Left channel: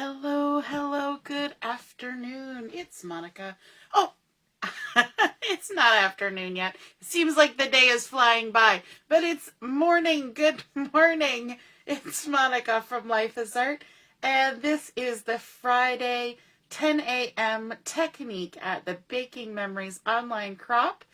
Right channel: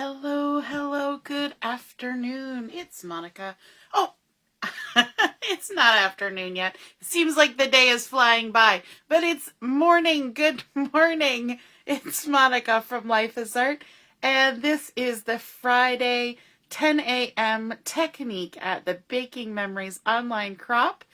Hello, hello, good afternoon. It's Monica. Oh, it's not afternoon yet. It seems like the day is flying by, but it's morning. Good morning. It's Monica from Life is Art, and this is the Friday 10 a.m. technique at the Baking Memories online crop,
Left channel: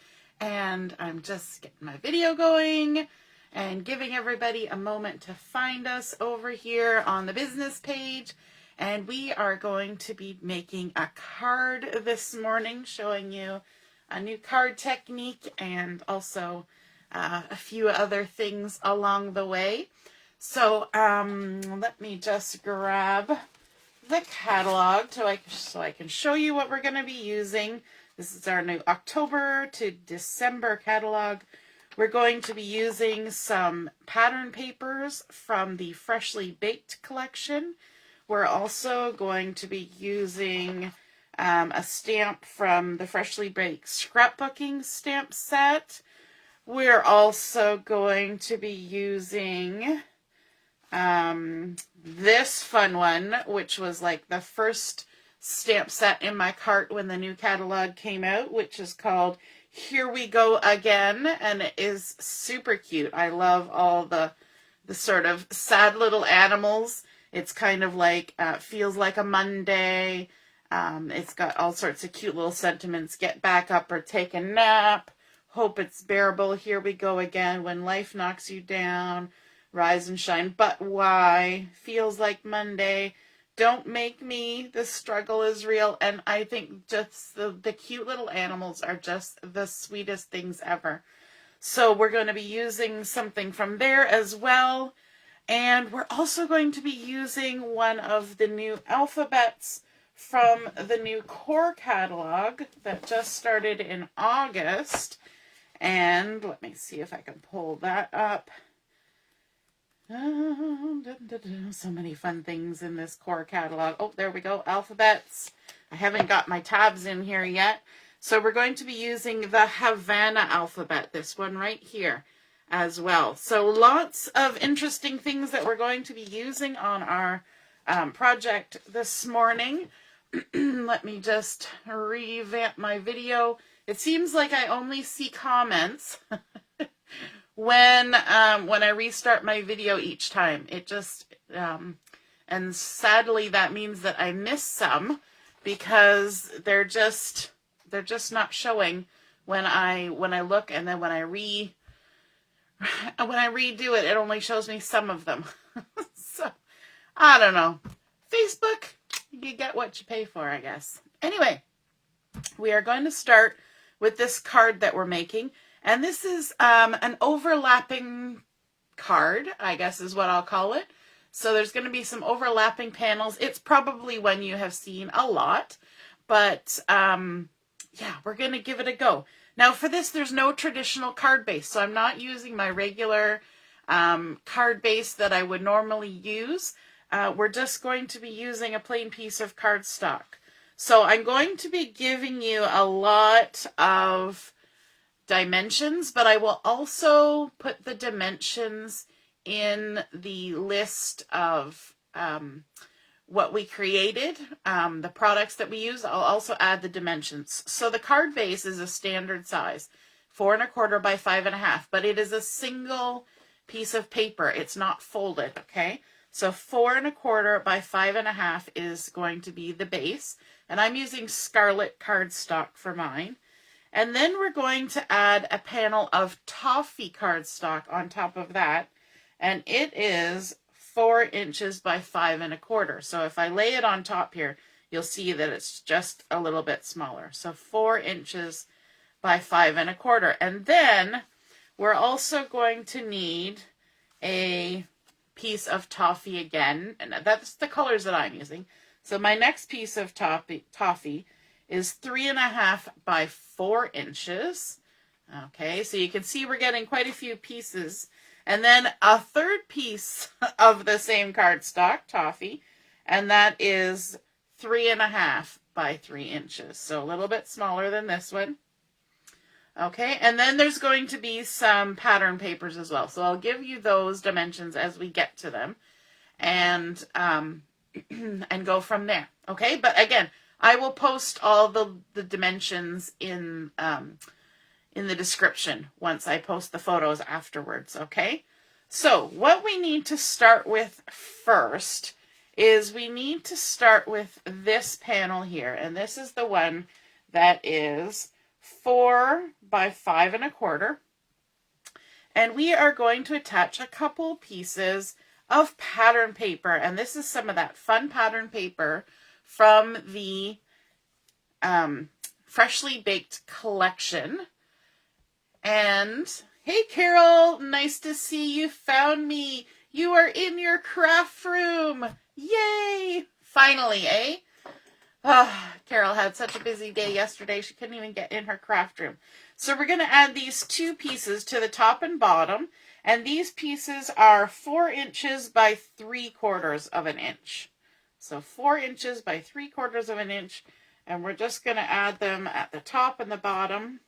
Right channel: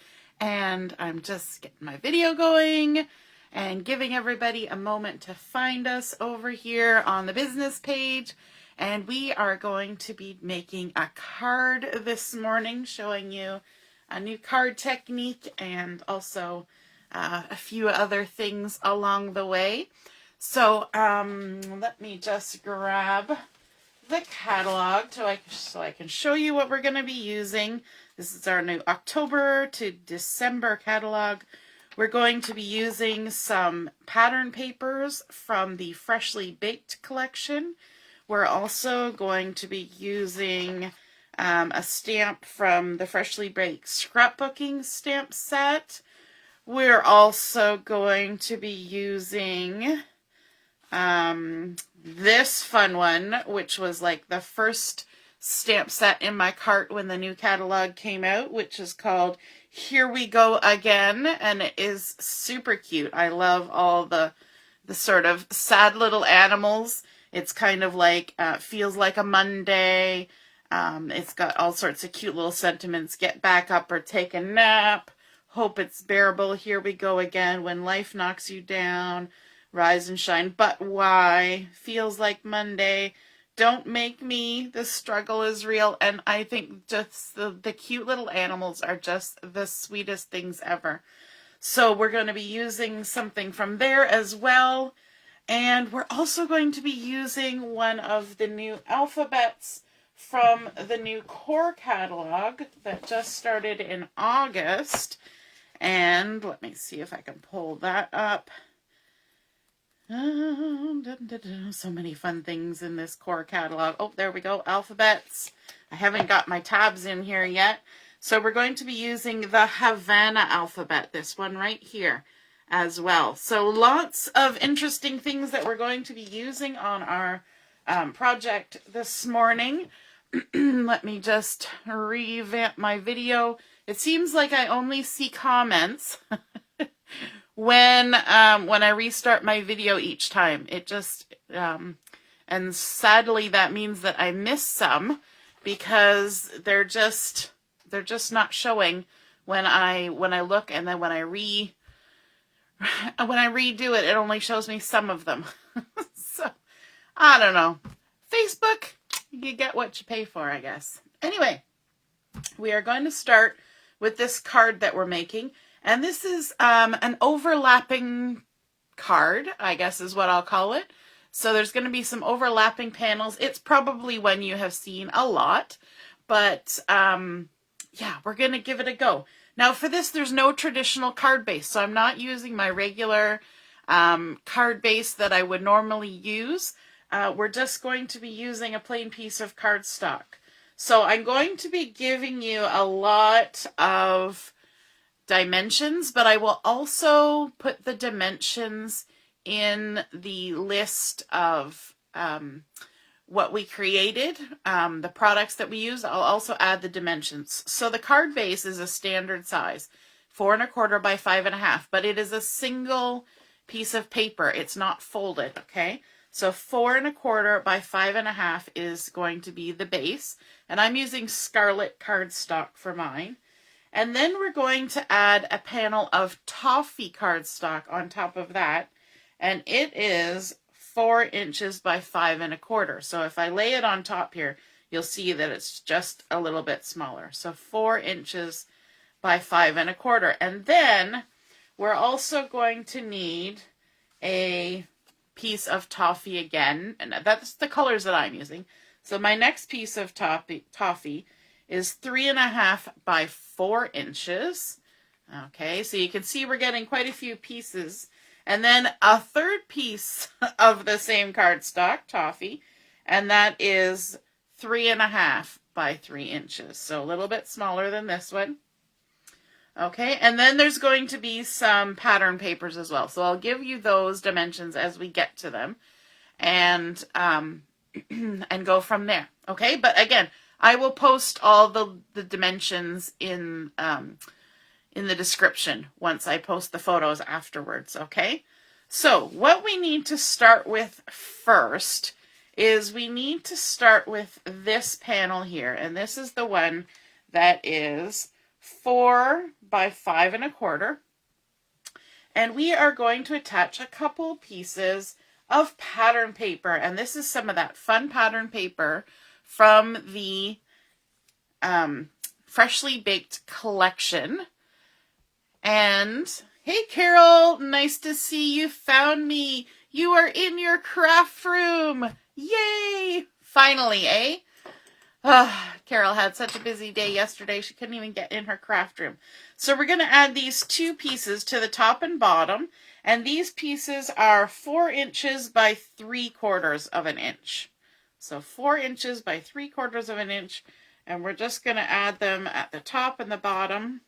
and I'm just getting my video going and giving everybody a moment to find us over here on the business page. And we are going to be making a card this morning, showing you a new card technique and also a few other things along the way. So let me just grab the catalog so I can show you what we're going to be using. This is our new October to December catalog. We're going to be using some pattern papers from the Freshly Baked collection. We're also going to be using a stamp from the Freshly Baked Scrapbooking Stamp set. We're also going to be using this fun one, which was like the first stamp set in my cart when the new catalog came out, which is called Here We Go Again, and it is super cute. I love all the sort of sad little animals. It's kind of like, feels like a Monday. It's got all sorts of cute little sentiments. Get back up or take a nap. Hope it's bearable. Here we go again. When life knocks you down. Rise and shine. But why? Feels like Monday. Don't make me. The struggle is real. And I think just the cute little animals are just the sweetest things ever. So we're going to be using something from there as well. And we're also going to be using one of the new alphabets from the new core catalog that just started in August. And let me see if I can pull that up. So many fun things in this core catalog. Oh, there we go, alphabets. I haven't got my tabs in here yet. So we're going to be using the Havana alphabet, this one right here, as well. So lots of interesting things that we're going to be using on our project this morning. Let me just revamp my video. It seems like I only see comments when I restart my video each time. It just and sadly that means that I miss some because they're just not showing when I look, and then when I redo it, it only shows me some of them. So, I don't know. Facebook, you get what you pay for, I guess. Anyway, we are going to start with this card that we're making. And this is an overlapping card, I guess is what I'll call it. So there's going to be some overlapping panels. It's probably one you have seen a lot. But, yeah, we're going to give it a go. Now for this, there's no traditional card base, so I'm not using my regular card base that I would normally use. We're just going to be using a plain piece of cardstock. So I'm going to be giving you a lot of dimensions, but I will also put the dimensions in the list of what we created, the products that we use. I'll also add the dimensions. So the card base is a standard size, 4 1/4 by 5 1/2, but it is a single piece of paper. It's not folded, okay? So 4 1/4 by 5 1/2 is going to be the base, and I'm using Scarlet cardstock for mine. And then we're going to add a panel of Toffee cardstock on top of that, and it is 4 inches by 5 1/4. So if I lay it on top here, you'll see that it's just a little bit smaller. So 4 inches by 5 1/4. And then we're also going to need a piece of Toffee again, and that's the colors that I'm using. So my next piece of Toffee is 3 1/2 by 4 inches. Okay, so you can see we're getting quite a few pieces. And then a third piece of the same cardstock, Toffee, and that is 3 1/2 by 3 inches. So a little bit smaller than this one. Okay, and then there's going to be some pattern papers as well. So I'll give you those dimensions as we get to them. And and go from there. Okay, but again, I will post all the dimensions in the description once I post the photos afterwards. Okay, so what we need to start with first is we need to start with this panel here, and this is the one that is 4 by 5 1/4. And we are going to attach a couple pieces of pattern paper. And this is some of that fun pattern paper from the Freshly Baked collection. And hey, Carol, nice to see you found me. You are in your craft room. Yay! Finally, eh? Oh, Carol had such a busy day yesterday, she couldn't even get in her craft room. So we're going to add these 2 pieces to the top and bottom, and these pieces are 4 inches by 3/4 of an inch. So 4 inches by 3/4 of an inch, and we're just going to add them at the top and the bottom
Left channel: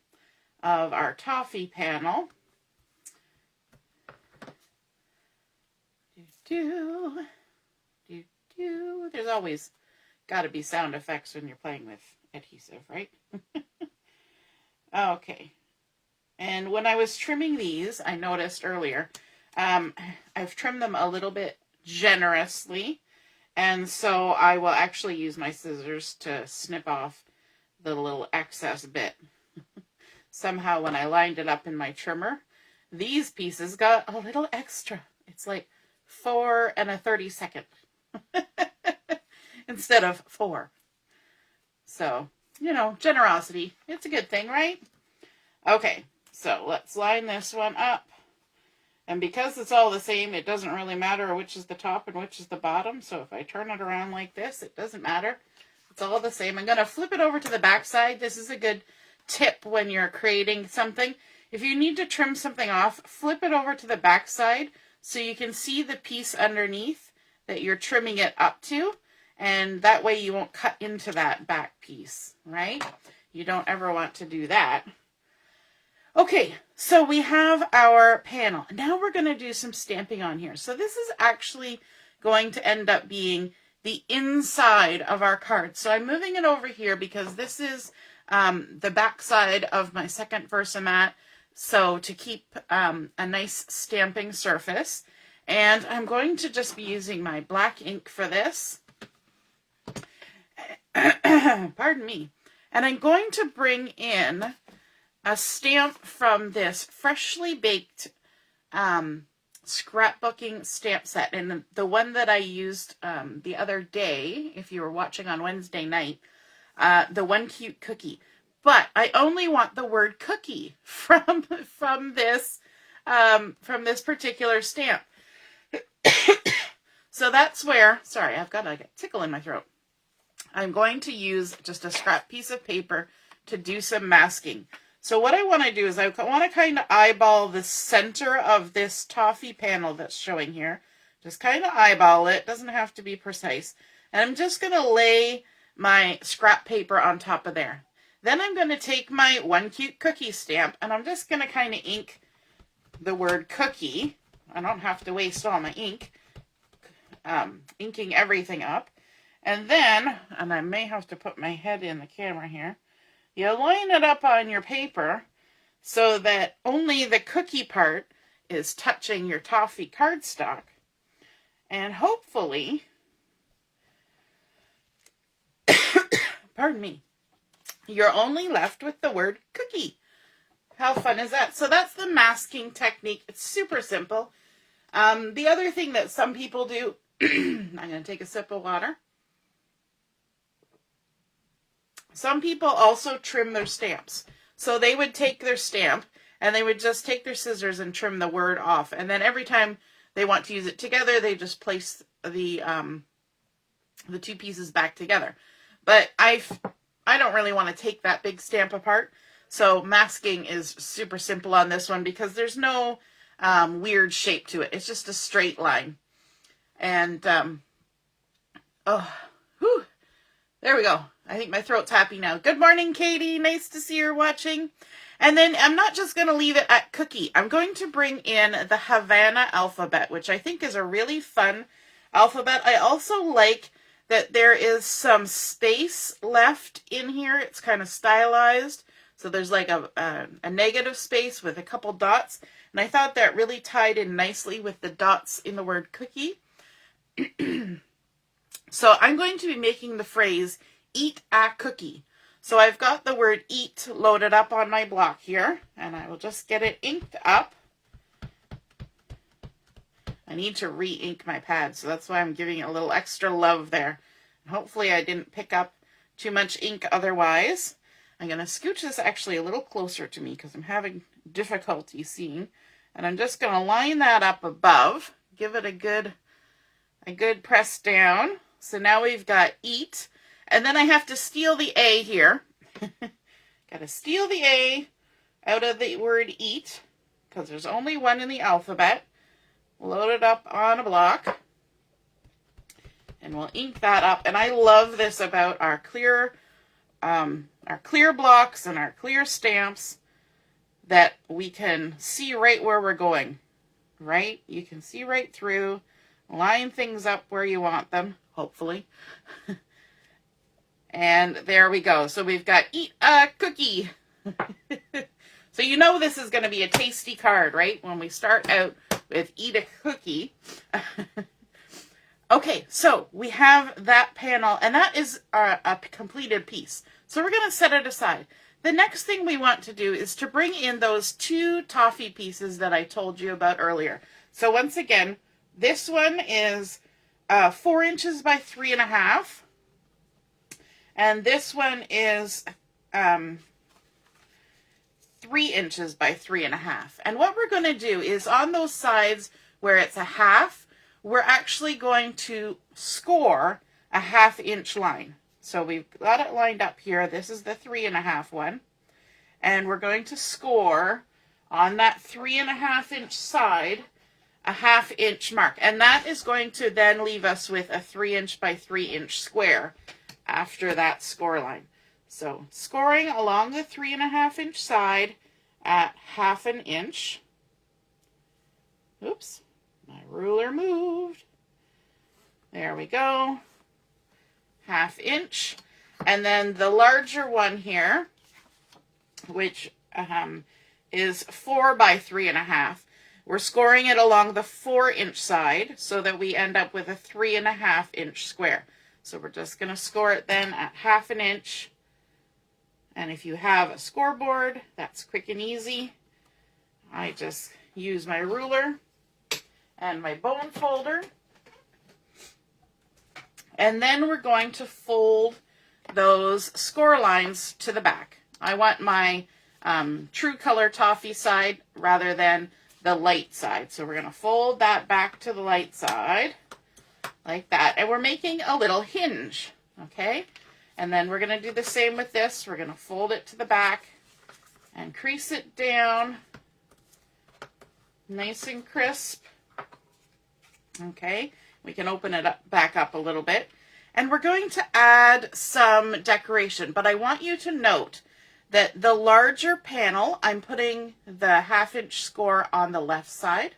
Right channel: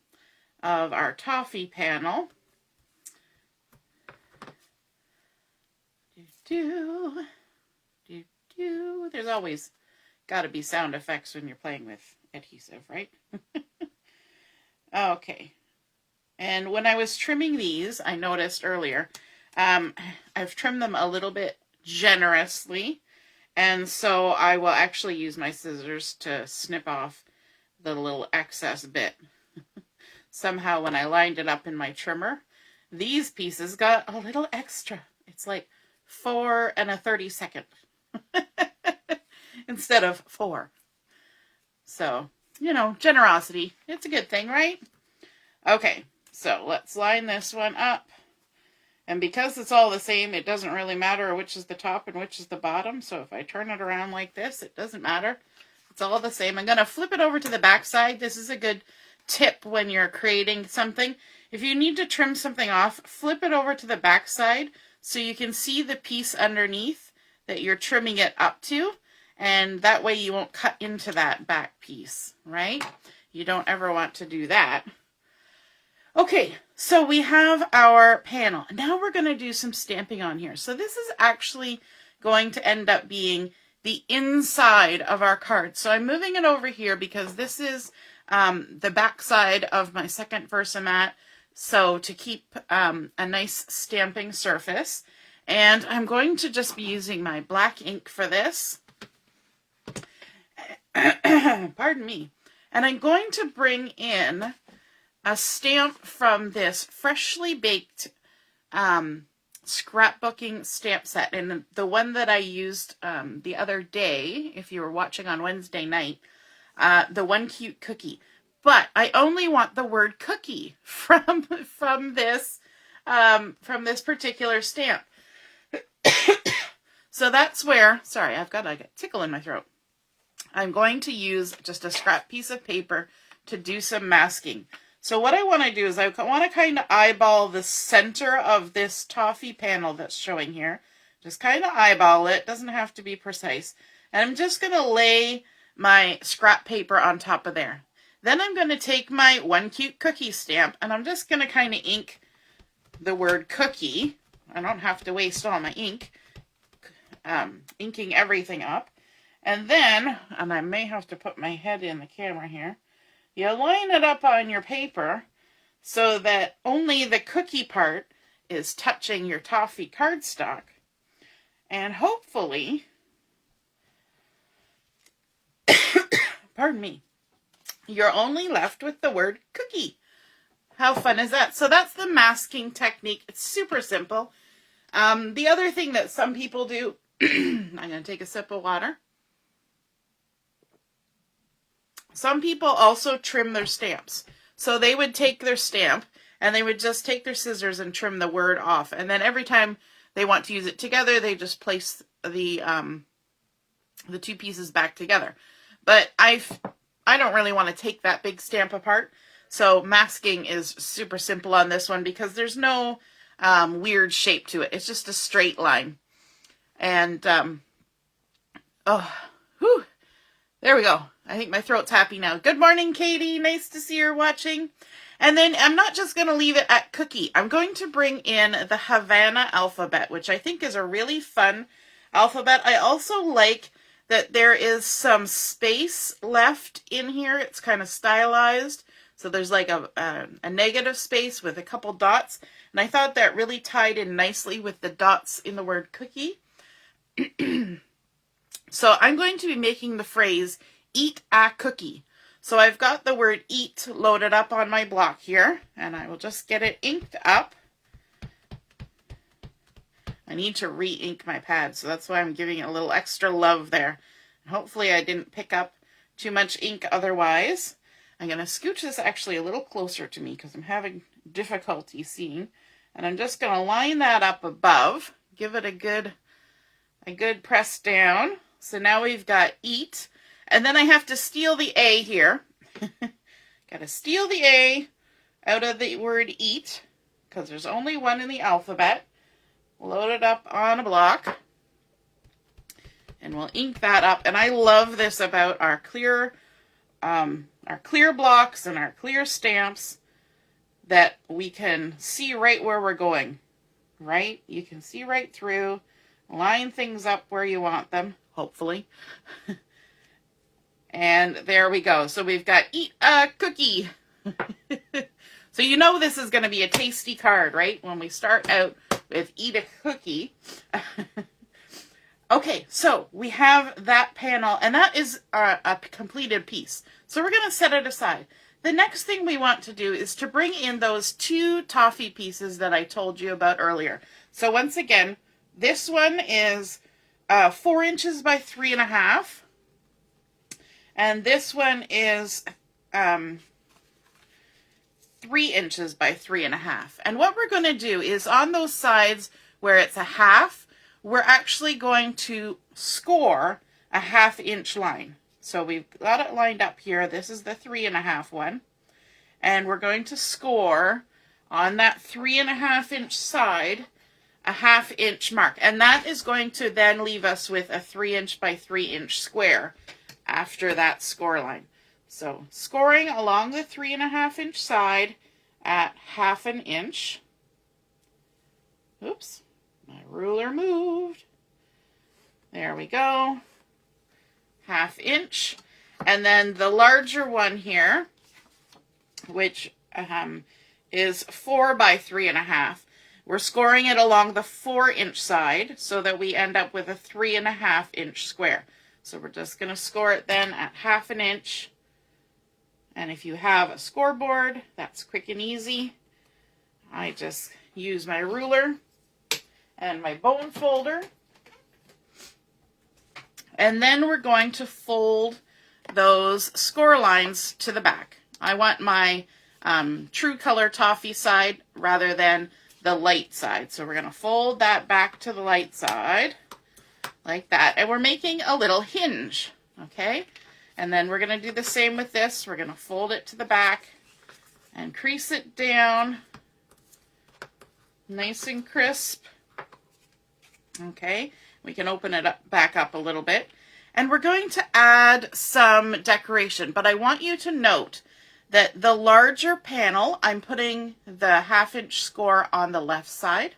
of our Toffee panel. There's always got to be sound effects when you're playing with adhesive, right? Okay. And when I was trimming these, I noticed earlier, I've trimmed them a little bit generously. And so I will actually use my scissors to snip off the little excess bit. Somehow when I lined it up in my trimmer, these pieces got a little extra. It's like 4 1/32 instead of 4. So, you know, generosity. It's a good thing, right? Okay, so let's line this one up. And because it's all the same, it doesn't really matter which is the top and which is the bottom. So if I turn it around like this, it doesn't matter. It's all the same. I'm going to flip it over to the back side. This is a good tip when you're creating something. If you need to trim something off, flip it over to the back side so you can see the piece underneath that you're trimming it up to. And that way you won't cut into that back piece, right? You don't ever want to do that. Okay, so we have our panel. Now we're going to do some stamping on here. So this is actually going to end up being the inside of our card. So I'm moving it over here because this is the back side of my second Versamat. So to keep a nice stamping surface. And I'm going to just be using my black ink for this. Pardon me. And I'm going to bring in a stamp from this Freshly Baked scrapbooking stamp set. And the one that I used the other day, if you were watching on Wednesday night, the One Cute Cookie. But I only want the word cookie from this particular stamp. So that's where, sorry, I've got a tickle in my throat. I'm going to use just a scrap piece of paper to do some masking. So what I want to do is I want to kind of eyeball the center of this Toffee panel that's showing here. Just kind of eyeball it. Doesn't have to be precise. And I'm just going to lay my scrap paper on top of there. Then I'm going to take my One Cute Cookie stamp and I'm just going to kind of ink the word cookie. I don't have to waste all my ink inking everything up. And then, and I may have to put my head in the camera here, you line it up on your paper so that only the cookie part is touching your Toffee cardstock. And hopefully, pardon me, you're only left with the word cookie. How fun is that? So that's the masking technique. It's super simple. The other thing that some people do, I'm going to take a sip of water. Some people also trim their stamps. So they would take their stamp and they would just take their scissors and trim the word off. And then every time they want to use it together, they just place the 2 pieces back together. But I don't really want to take that big stamp apart. So masking is super simple on this one because there's no weird shape to it. It's just a straight line. And, there we go. I think my throat's happy now. Good morning, Katie. Nice to see you're watching. And then I'm not just going to leave it at cookie. I'm going to bring in the Havana alphabet, which I think is a really fun alphabet. I also like that there is some space left in here. It's kind of stylized. So there's like a negative space with a couple dots. And I thought that really tied in nicely with the dots in the word cookie. So I'm going to be making the phrase, eat a cookie. So I've got the word eat loaded up on my block here, and I will just get it inked up. I need to re-ink my pad, so that's why I'm giving it a little extra love there. Hopefully I didn't pick up too much ink otherwise. I'm going to scooch this actually a little closer to me because I'm having difficulty seeing. And I'm just going to line that up above, give it a good press down. So now we've got eat. And then I have to steal the A here. Got to steal the A out of the word eat because there's only one in the alphabet. Load it up on a block. And we'll ink that up. And I love this about our clear blocks and our clear stamps, that we can see right where we're going, right? You can see right through, line things up where you want them, hopefully. And there we go. So we've got eat a cookie. So you know this is going to be a tasty card, right? When we start out with eat a cookie. Okay, so we have that panel, and that is a completed piece. So we're going to set it aside. The next thing we want to do is to bring in those two toffee pieces that I told you about earlier. So once again, this one is 4 inches by 3.5. And this one is 3 inches by 3.5. And what we're going to do is on those sides where it's a half, we're actually going to score a 1/2 inch line. So we've got it lined up here. This is the 3.5 one. And we're going to score on that 3.5 inch side a 1/2 inch mark. And that is going to then leave us with a 3 inch by 3 inch square after that score line. So scoring along the 3.5 inch side at 1/2 inch. Oops, my ruler moved. There we go. 1/2 inch. And then the larger one here, which is 4 by 3.5. We're scoring it along the 4 inch side so that we end up with a 3.5 inch square. So we're just going to score it then at 1/2 inch. And if you have a scoreboard, that's quick and easy. I just use my ruler and my bone folder. And then we're going to fold those score lines to the back. I want my true color toffee side rather than the light side. So we're going to fold that back to the light side like that. And we're making a little hinge, okay? And then we're going to do the same with this. We're going to fold it to the back and crease it down nice and crisp. Okay, we can open it up, back up a little bit. And we're going to add some decoration. But I want you to note that the larger panel, I'm putting the 1/2 inch score on the left side.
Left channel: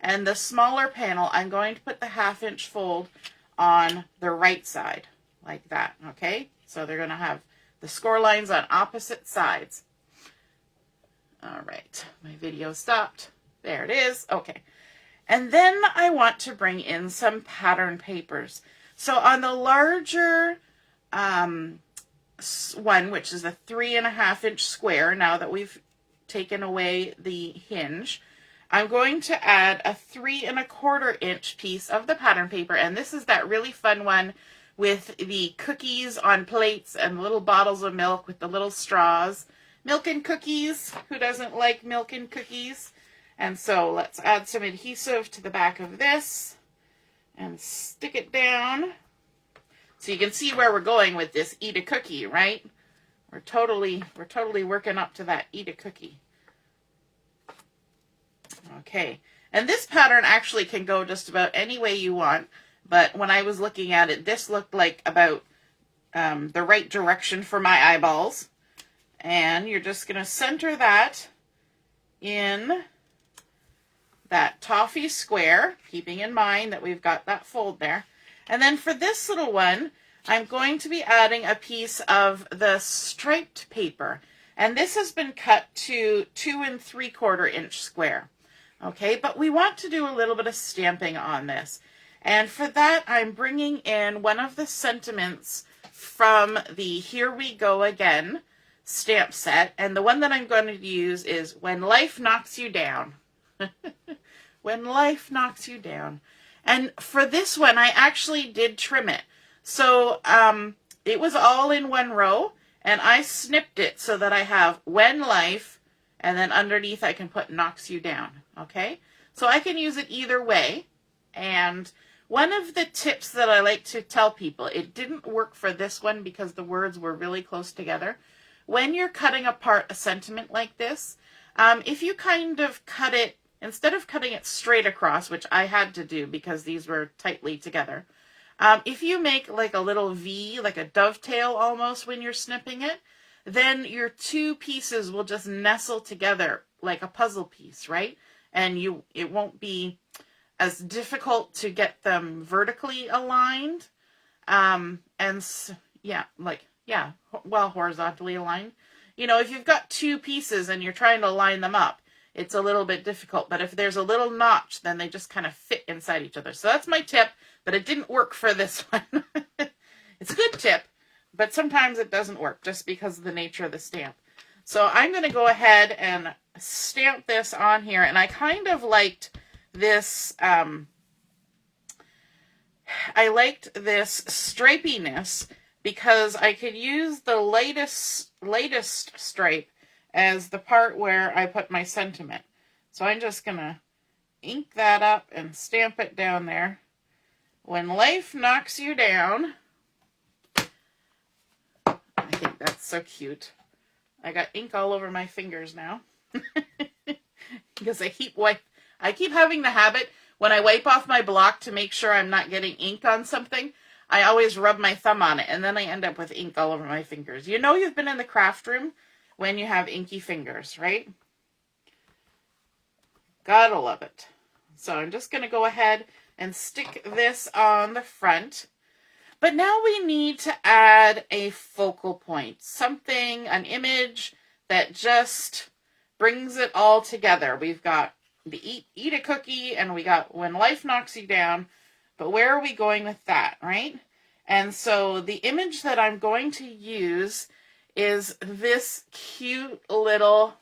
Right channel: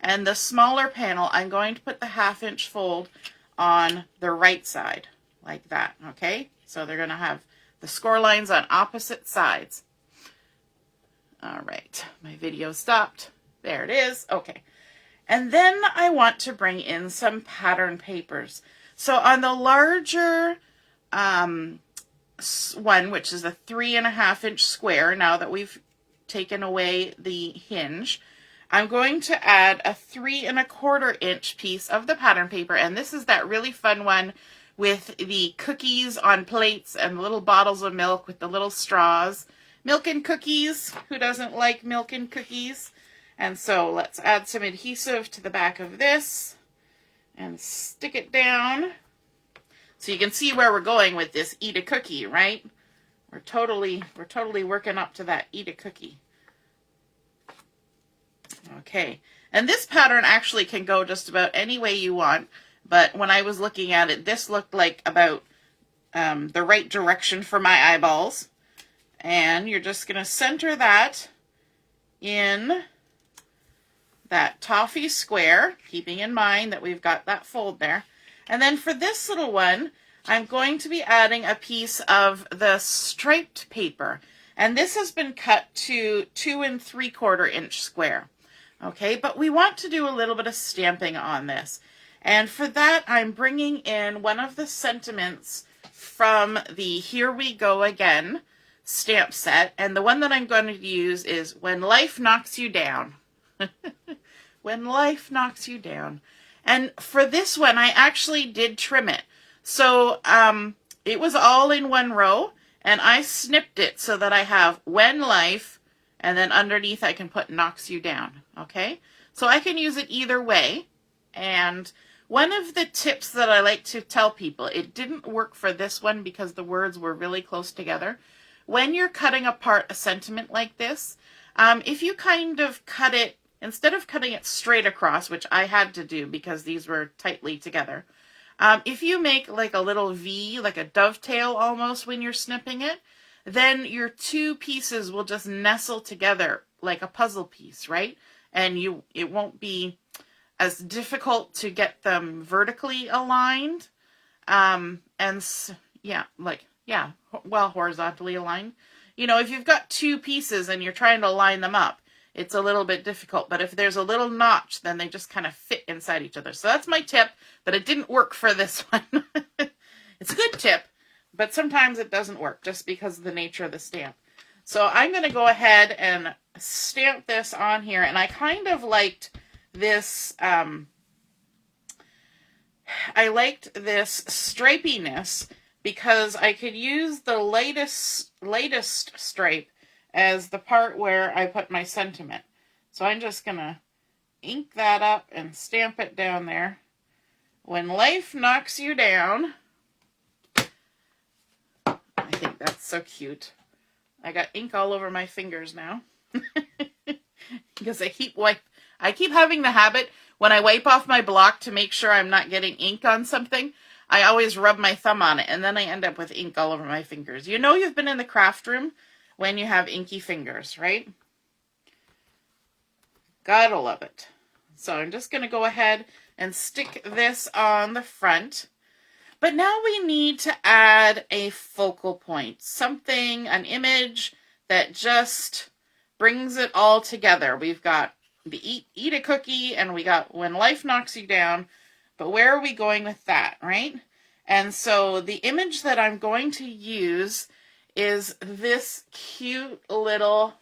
And the smaller panel, I'm going to put the 1/2 inch fold on the right side, like that, okay? So they're going to have the score lines on opposite sides. All right, my video stopped. There it is, okay. And then I want to bring in some pattern papers. So on the larger one, which is a 3.5 inch square, now that we've taken away the hinge, I'm going to add a 3.25 inch piece of the pattern paper. And this is that really fun one with the cookies on plates and little bottles of milk with the little straws. Milk and cookies. Who doesn't like milk and cookies? And so let's add some adhesive to the back of this and stick it down. So you can see where we're going with this eat a cookie, right? We're totally working up to that eat a cookie. Okay, and this pattern actually can go just about any way you want, but when I was looking at it, this looked like about the right direction for my eyeballs. And you're just going to center that in that toffee square, keeping in mind that we've got that fold there. And then for this little one, I'm going to be adding a piece of the striped paper. And this has been cut to 2 3/4 inch square. Okay, but we want to do a little bit of stamping on this. And for that, I'm bringing in one of the sentiments from the Here We Go Again stamp set. And the one that I'm going to use is When Life Knocks You Down. When life knocks you down. And for this one, I actually did trim it. So it was all in one row, and I snipped it so that I have When Life, and then underneath I can put Knocks You Down, okay? So I can use it either way. And one of the tips that I like to tell people, it didn't work for this one because the words were really close together. When you're cutting apart a sentiment like this, if you kind of cut it, instead of cutting it straight across, which I had to do because these were tightly together, if you make like a little V, like a dovetail almost when you're snipping it, then your two pieces will just nestle together like a puzzle piece, right? And it won't be as difficult to get them vertically aligned. Horizontally aligned. You know, if you've got two pieces and you're trying to line them up, it's a little bit difficult. But if there's a little notch, then they just kind of fit inside each other. So that's my tip, but it didn't work for this one. It's a good tip, but sometimes it doesn't work just because of the nature of the stamp. So I'm going to go ahead and stamp this on here. And I kind of liked this, I liked this stripiness because I could use the latest stripe as the part where I put my sentiment. So I'm just going to ink that up and stamp it down there. When life knocks you down. I think that's so cute. I got ink all over my fingers now. Because I keep having the habit when I wipe off my block to make sure I'm not getting ink on something, I always rub my thumb on it and then I end up with ink all over my fingers. You know you've been in the craft room when you have inky fingers, right? Gotta love it. So I'm just going to go ahead and stick this on the front. But now we need to add a focal point, something, an image that just brings it all together. We've got the eat a cookie and we got When Life Knocks You Down. But where are we going with that, right? And so the image that I'm going to use is this cute little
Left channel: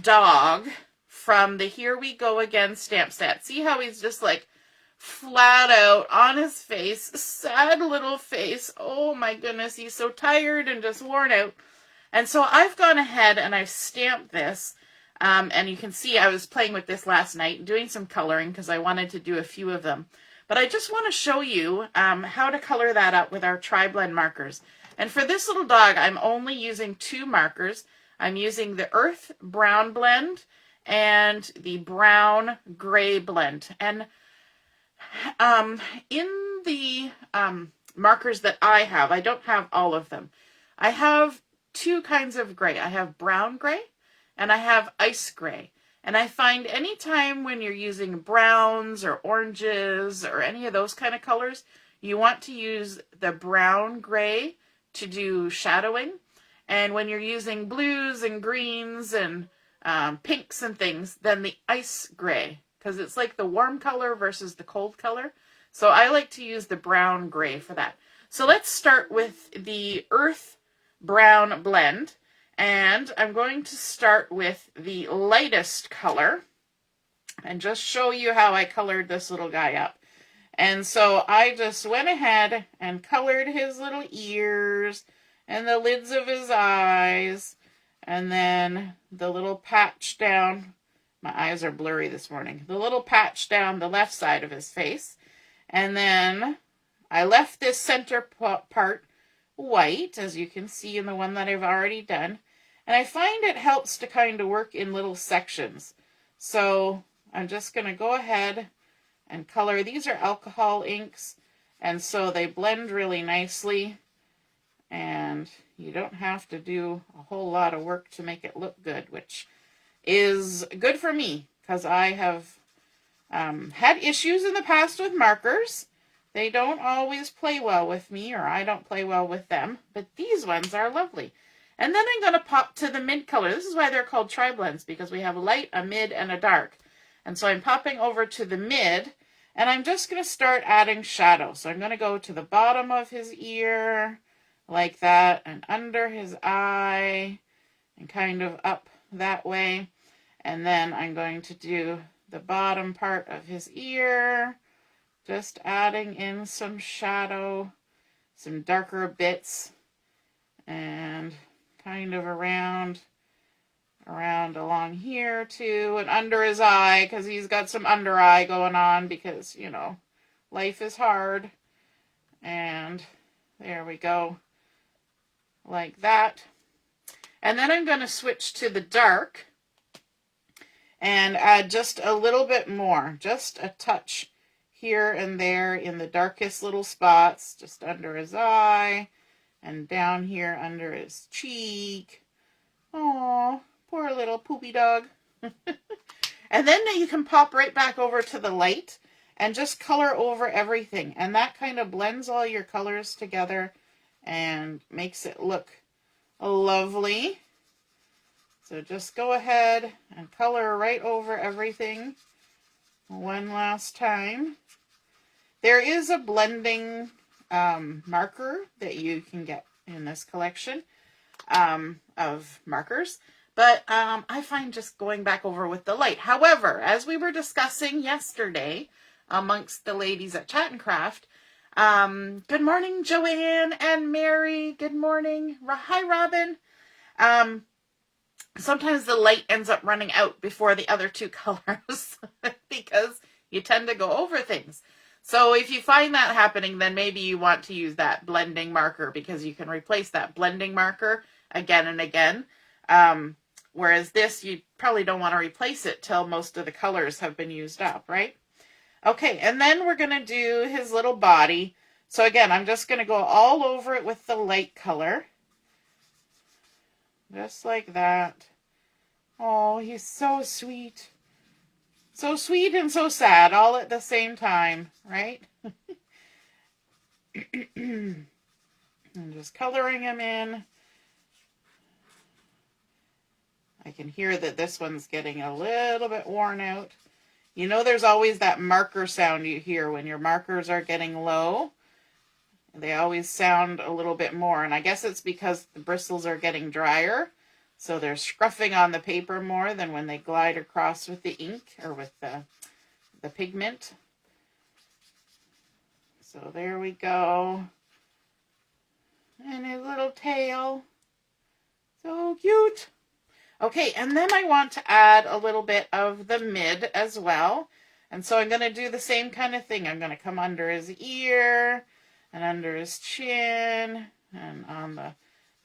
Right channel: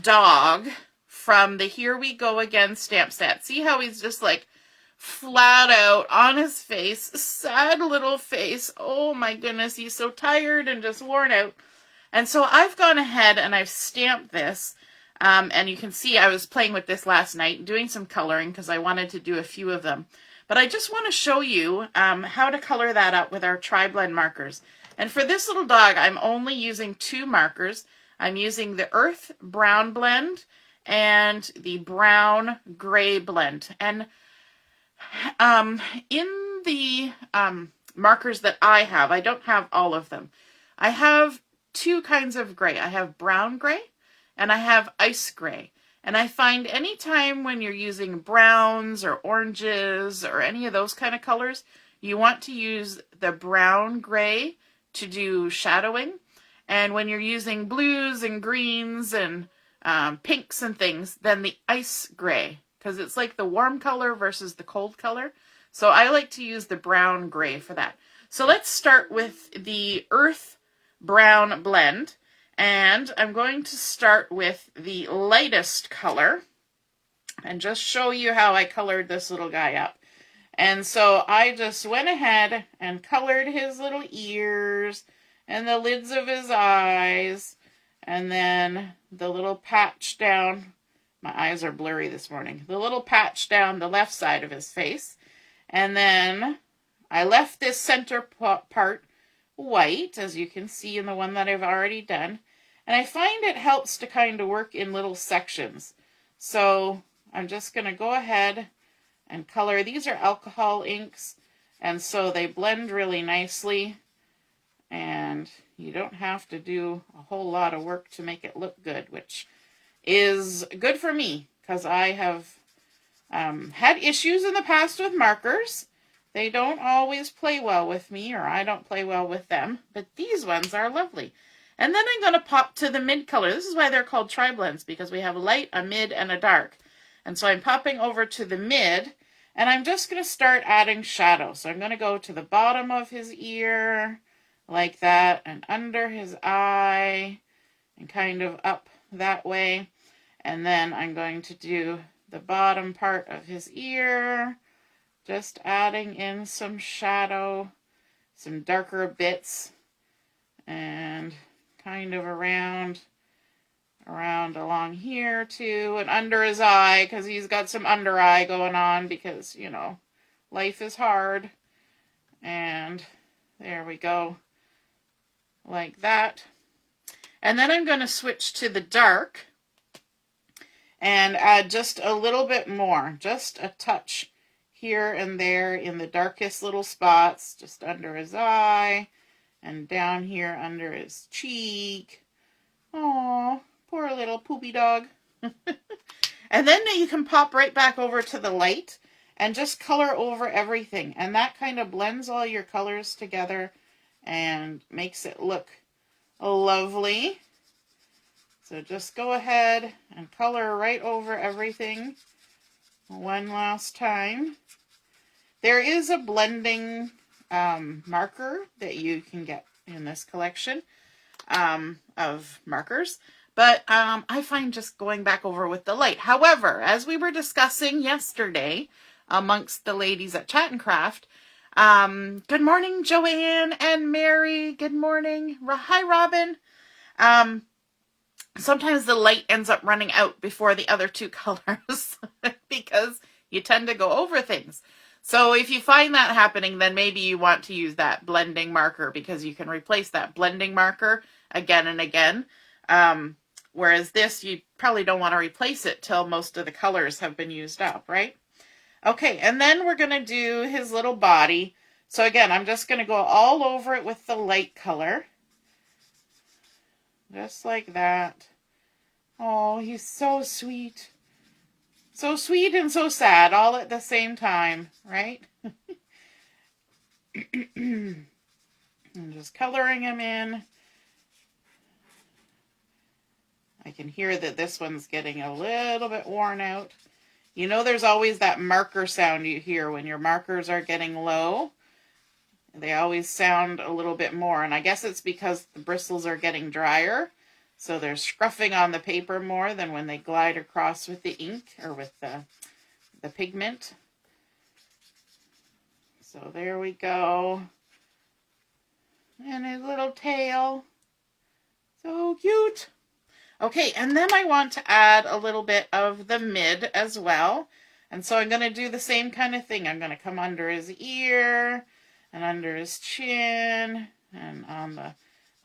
dog from the Here We Go Again stamp set. See how he's just like flat out on his face, sad little face. Oh my goodness, he's so tired and just worn out. And so I've gone ahead and I've stamped this. And you can see I was playing with this last night, doing some coloring because I wanted to do a few of them. But I just want to show you how to color that up with our tri-blend markers. And for this little dog, I'm only using 2 markers. I'm using the Earth Brown blend and the Brown Gray blend. And in the markers that I have, I don't have all of them. I have 2 kinds of gray. I have brown gray and I have ice gray. And I find anytime when you're using browns or oranges or any of those kind of colors, you want to use the brown gray to do shadowing. And when you're using blues and greens and pinks and things, then the ice gray, because it's like the warm color versus the cold color. So I like to use the brown gray for that. So let's start with the Earth Brown blend. And I'm going to start with the lightest color and just show you how I colored this little guy up. And so I just went ahead and colored his little ears and the lids of his eyes and then the little patch down. My eyes are blurry this morning. The little patch down the left side of his face. And then I left this center part white, as you can see in the one that I've already done. And I find it helps to kind of work in little sections. So I'm just going to go ahead and color. These are alcohol inks, and so they blend really nicely. And you don't have to do a whole lot of work to make it look good, which is good for me because I have had issues in the past with markers. They don't always play well with me, or I don't play well with them, but these ones are lovely. And then I'm going to pop to the mid color. This is why they're called tri-blends, because we have a light, a mid, and a dark. And so I'm popping over to the mid, and I'm just going to start adding shadow. So I'm going to go to the bottom of his ear, like that, and under his eye, and kind of up that way. And then I'm going to do the bottom part of his ear, just adding in some shadow, some darker bits, and kind of around along here too, and under his eye, because he's got some under eye going on, because, you know, life is hard. And there we go, like that. And then I'm going to switch to the dark and add just a little bit more, just a touch here and there in the darkest little spots, just under his eye and down here under his cheek. Oh, poor little poopy dog. And then you can pop right back over to the light and just color over everything. And that kind of blends all your colors together and makes it look lovely. So just go ahead and color right over everything one last time. There is a blending marker that you can get in this collection of markers, but I find just going back over with the light. However, as we were discussing yesterday amongst the ladies at Chat and Craft, good morning, Joanne and Mary. Good morning. Hi, Robin. Sometimes the light ends up running out before the other two colors because you tend to go over things. So if you find that happening, then maybe you want to use that blending marker, because you can replace that blending marker again and again. Whereas this, you probably don't want to replace it till most of the colors have been used up, right? Okay, and then we're going to do his little body. So again, I'm just going to go all over it with the light color. Just like that. Oh, he's so sweet. So sweet and so sad all at the same time, right? I'm just coloring him in. I can hear that this one's getting a little bit worn out. You know, there's always that marker sound you hear when your markers are getting low. They always sound a little bit more, and I guess it's because the bristles are getting drier. So they're scruffing on the paper more than when they glide across with the ink or with the pigment. So there we go. And his little tail. So cute. Okay, and then I want to add a little bit of the mid as well. And so I'm going to do the same kind of thing. I'm going to come under his ear and under his chin and on the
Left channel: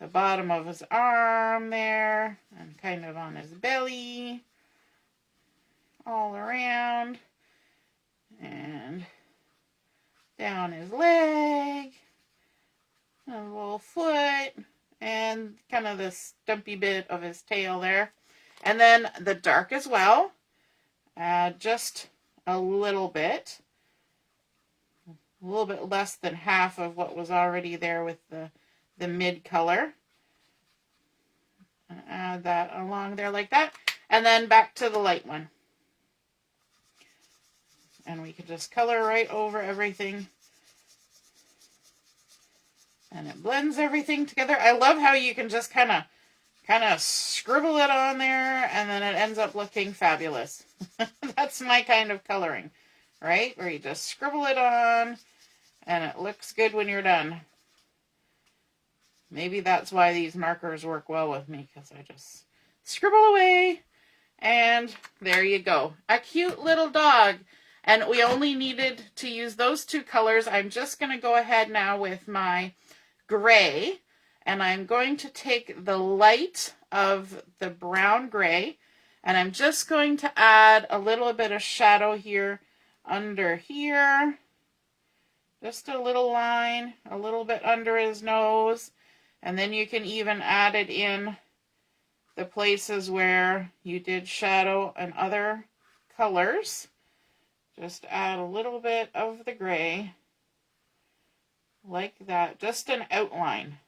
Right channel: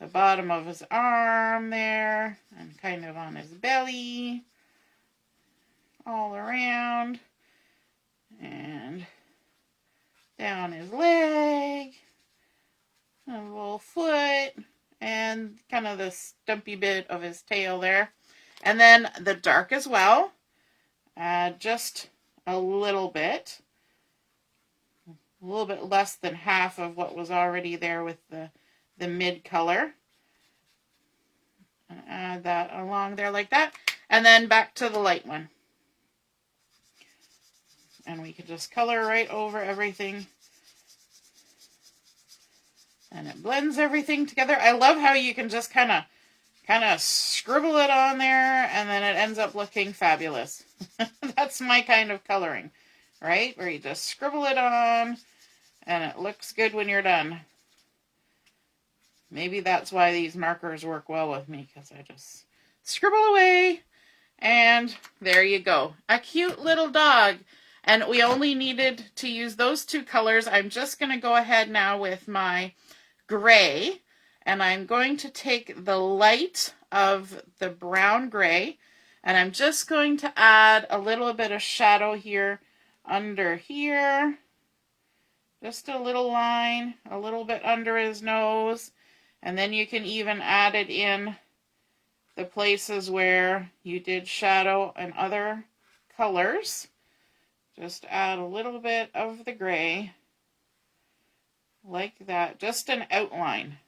bottom of his arm there, and kind of on his belly, all around, and down his leg, a little foot, and kind of the stumpy bit of his tail there. And then the dark as well, just a little bit less than half of what was already there with the mid color. Add that along there like that. And then back to the light one. And we can just color right over everything. And it blends everything together. I love how you can just kind of scribble it on there, and then it ends up looking fabulous. That's my kind of coloring, right? Where you just scribble it on, and it looks good when you're done. Maybe that's why these markers work well with me, because I just scribble away, and there you go. A cute little dog. And we only needed to use those two colors. I'm just going to go ahead now with my gray, and I'm going to take the light of the brown gray, and I'm just going to add a little bit of shadow here under here. Just a little line, a little bit under his nose. And then you can even add it in the places where you did shadow and other colors. Just add a little bit of the gray like that, just an outline.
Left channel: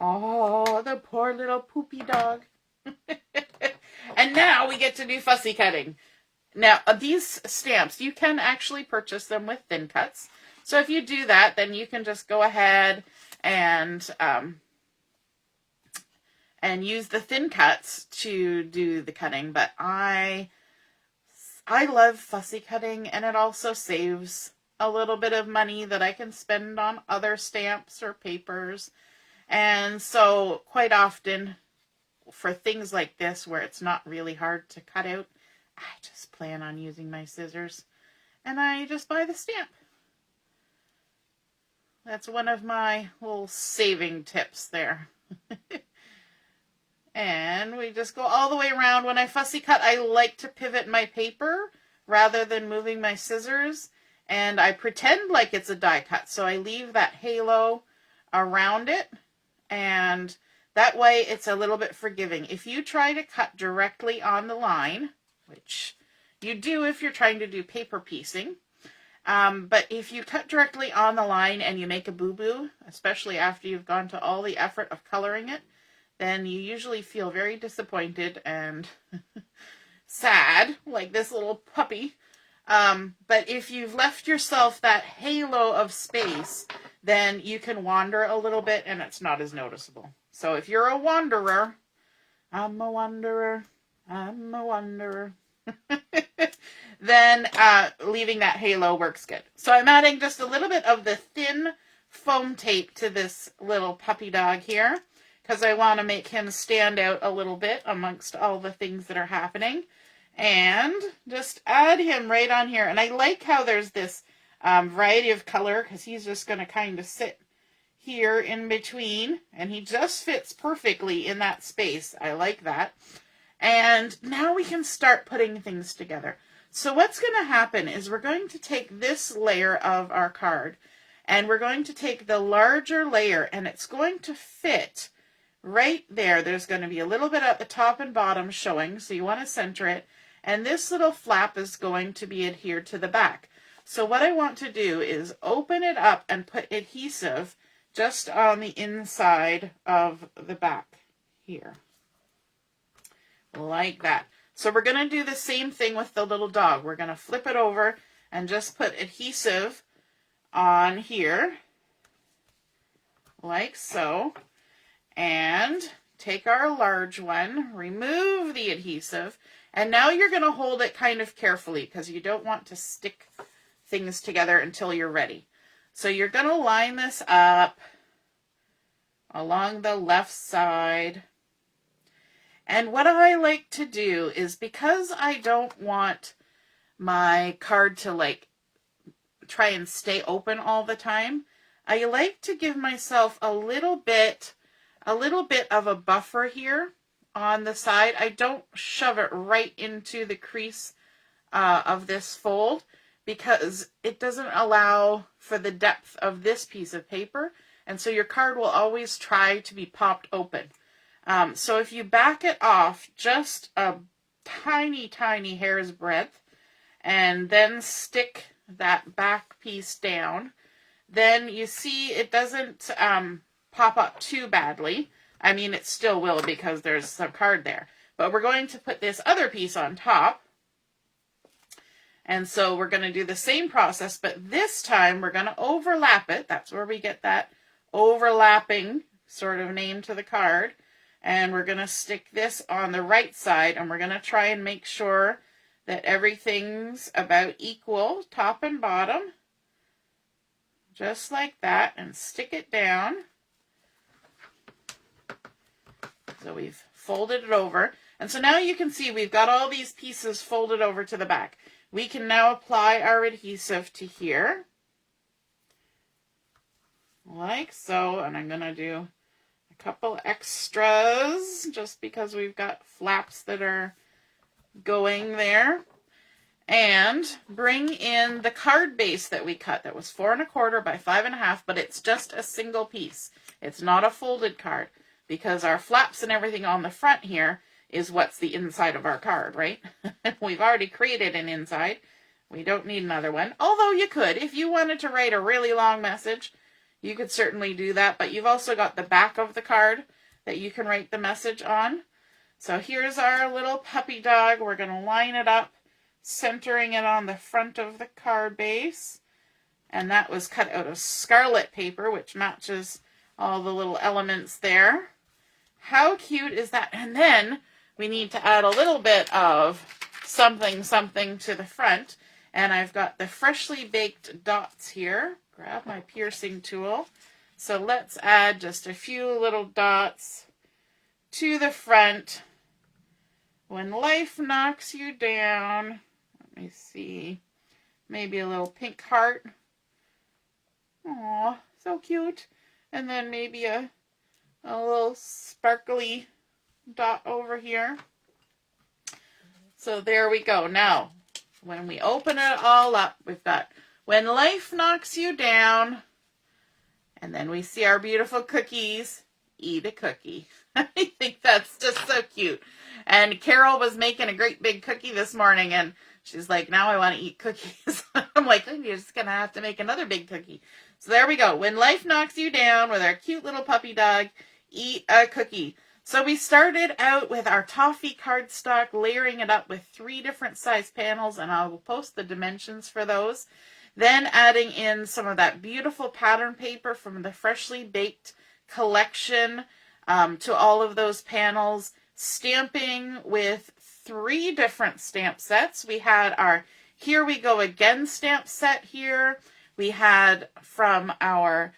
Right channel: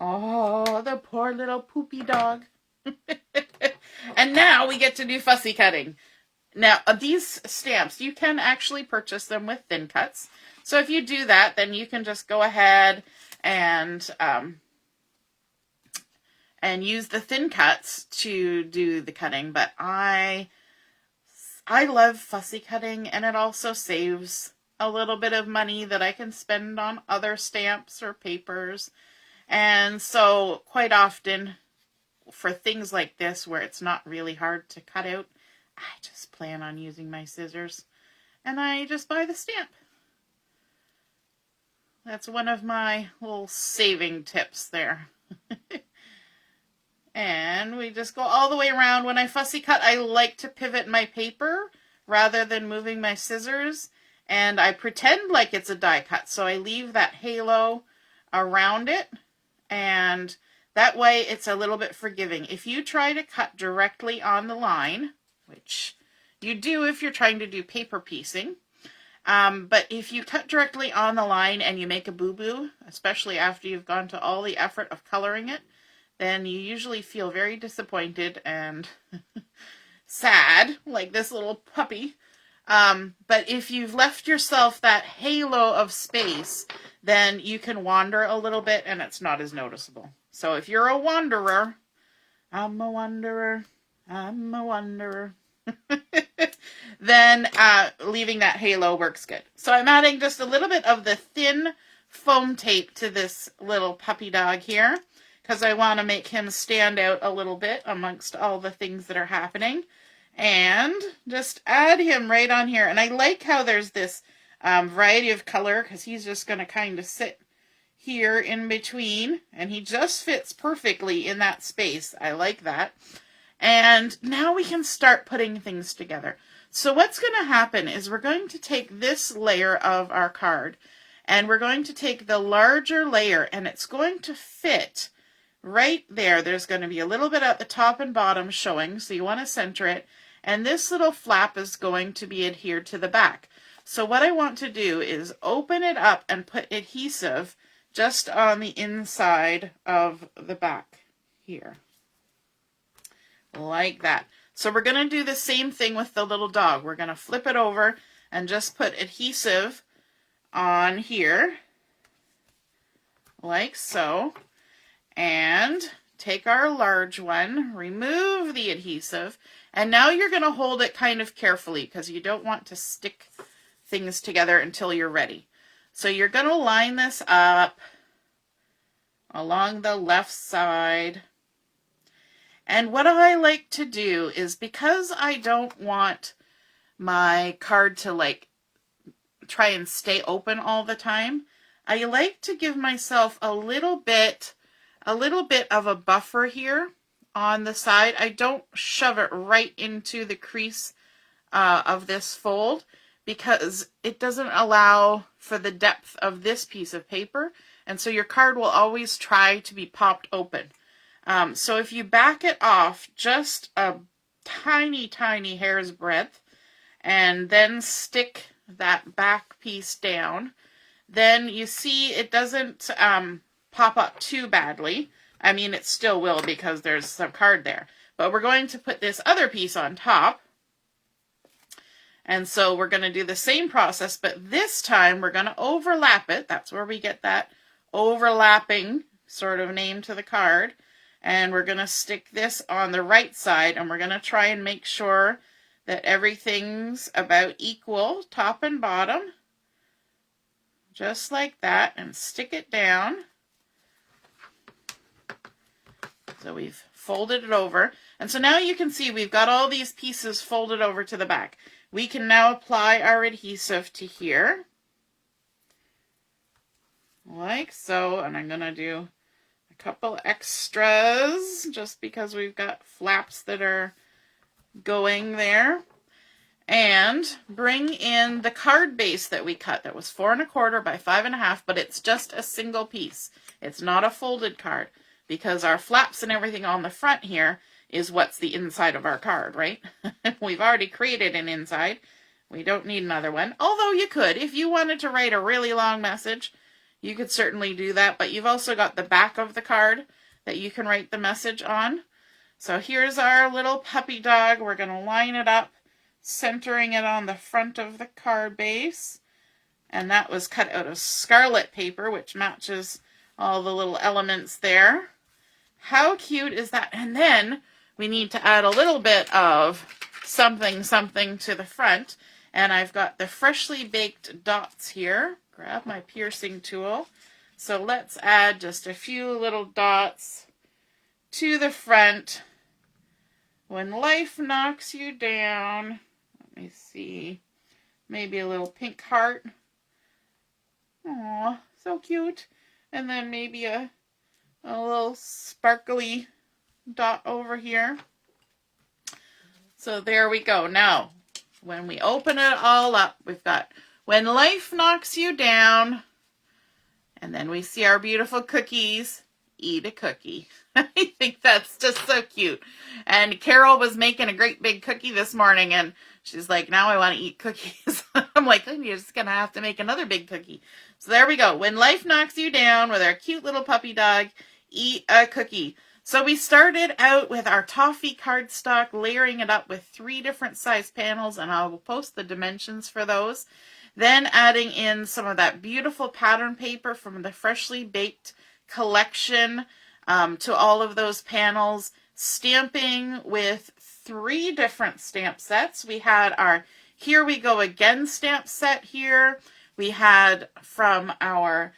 Oh, the poor little poopy dog. And now we get to do fussy cutting. Now, these stamps, you can actually purchase them with thin cuts. So if you do that, then you can just go ahead and use the thin cuts to do the cutting. But I love fussy cutting, and it also saves a little bit of money that I can spend on other stamps or papers. And so quite often for things like this where it's not really hard to cut out, I just plan on using my scissors and I just buy the stamp. That's one of my little saving tips there. And we just go all the way around. When I fussy cut, I like to pivot my paper rather than moving my scissors. And I pretend like it's a die cut. So I leave that halo around it. And that way it's a little bit forgiving. If you try to cut directly on the line, which you do if you're trying to do paper piecing, but if you cut directly on the line and you make a boo-boo, especially after you've gone to all the effort of coloring it, then you usually feel very disappointed and sad, like this little puppy. But if you've left yourself that halo of space, then you can wander a little bit and it's not as noticeable. So if you're a wanderer, I'm a wanderer, I'm a wanderer, then leaving that halo works good. So I'm adding just a little bit of the thin foam tape to this little puppy dog here, because I want to make him stand out a little bit amongst all the things that are happening. And just add him right on here. And I like how there's this variety of color, because he's just going to kind of sit here in between. And he just fits perfectly in that space. I like that. And now we can start putting things together. So what's going to happen is we're going to take this layer of our card, and we're going to take the larger layer, and it's going to fit right there. There's going to be a little bit at the top and bottom showing, so you want to center it. And this little flap is going to be adhered to the back. So what I want to do is open it up and put adhesive just on the inside of the back here. Like that. So we're going to do the same thing with the little dog. We're going to flip it over and just put adhesive on here, like so. And take our large one, remove the adhesive, and now you're going to hold it kind of carefully because you don't want to stick things together until you're ready. So you're going to line this up along the left side. And what I like to do is, because I don't want my card to like try and stay open all the time, I like to give myself a little bit of a buffer here on the side. I don't shove it right into the crease of this fold, because it doesn't allow for the depth of this piece of paper. And so your card will always try to be popped open. So if you back it off just a tiny, tiny hair's breadth, and then stick that back piece down, then you see it doesn't pop up too badly. I mean, it still will because there's some card there. But we're going to put this other piece on top. And so we're going to do the same process, but this time we're going to overlap it. That's where we get that overlapping sort of name to the card. And we're going to stick this on the right side, and we're going to try and make sure that everything's about equal, top and bottom. Just like that, and stick it down. So we've folded it over. And so now you can see we've got all these pieces folded over to the back. We can now apply our adhesive to here. Like so. And I'm going to do a couple extras just because we've got flaps that are going there. And bring in the card base that we cut. That was 4 1/4 by 5 1/2, but it's just a single piece. It's not a folded card, because our flaps and everything on the front here is what's the inside of our card, right? We've already created an inside. We don't need another one. Although you could, if you wanted to write a really long message, you could certainly do that. But you've also got the back of the card that you can write the message on. So here's our little puppy dog. We're going to line it up, centering it on the front of the card base. And that was cut out of Scarlet paper, which matches all the little elements there. How cute is that? And then we need to add a little bit of something to the front. And I've got the freshly baked dots here. Grab my piercing tool. So let's add just a few little dots to the front. When life knocks you down, let me see, maybe a little pink heart. Aw, so cute. And then maybe a little sparkly dot over here. So there we go. Now, when we open it all up, we've got when life knocks you down, and then we see our beautiful cookies. Eat a cookie. I think that's just so cute. And Carol was making a great big cookie this morning, and she's like, now I want to eat cookies. I'm like, oh, you're just going to have to make another big cookie. So there we go. When life knocks you down with our cute little puppy dog, eat a cookie. So we started out with our Toffee cardstock, layering it up with 3 different size panels, and I will post the dimensions for those. Then adding in some of that beautiful pattern paper from the Freshly Baked collection to all of those panels. Stamping with 3 different stamp sets. We had our Here We Go Again stamp set here. We had from our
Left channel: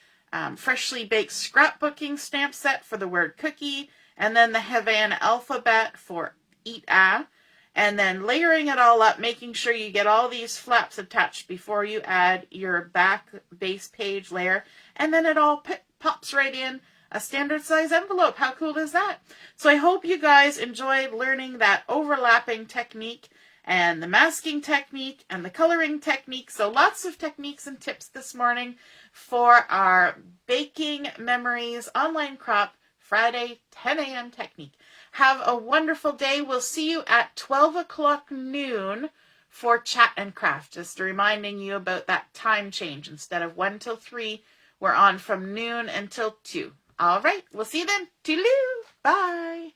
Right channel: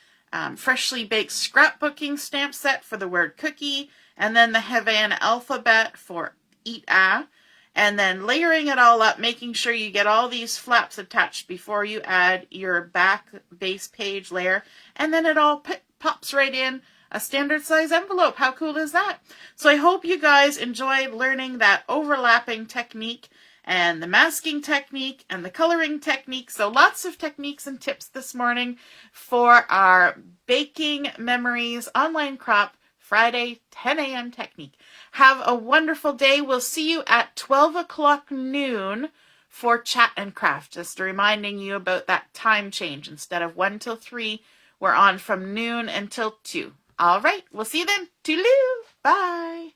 Freshly Baked Scrapbooking stamp set for the word cookie. And then the Havana alphabet for eat a. And then layering it all up, making sure you get all these flaps attached before you add your back base page layer. And then it all pops right in a standard size envelope. How cool is that? So I hope you guys enjoyed learning that overlapping technique and the masking technique and the coloring technique. So lots of techniques and tips this morning for our Baking Memories Online Crop Friday 10 a.m. technique. Have a wonderful day. We'll see you at 12 o'clock noon for Chat and Craft. Just reminding you about that time change. Instead of 1 till 3, we're on from noon until 2. All right, we'll see you then. Toodaloo. Bye.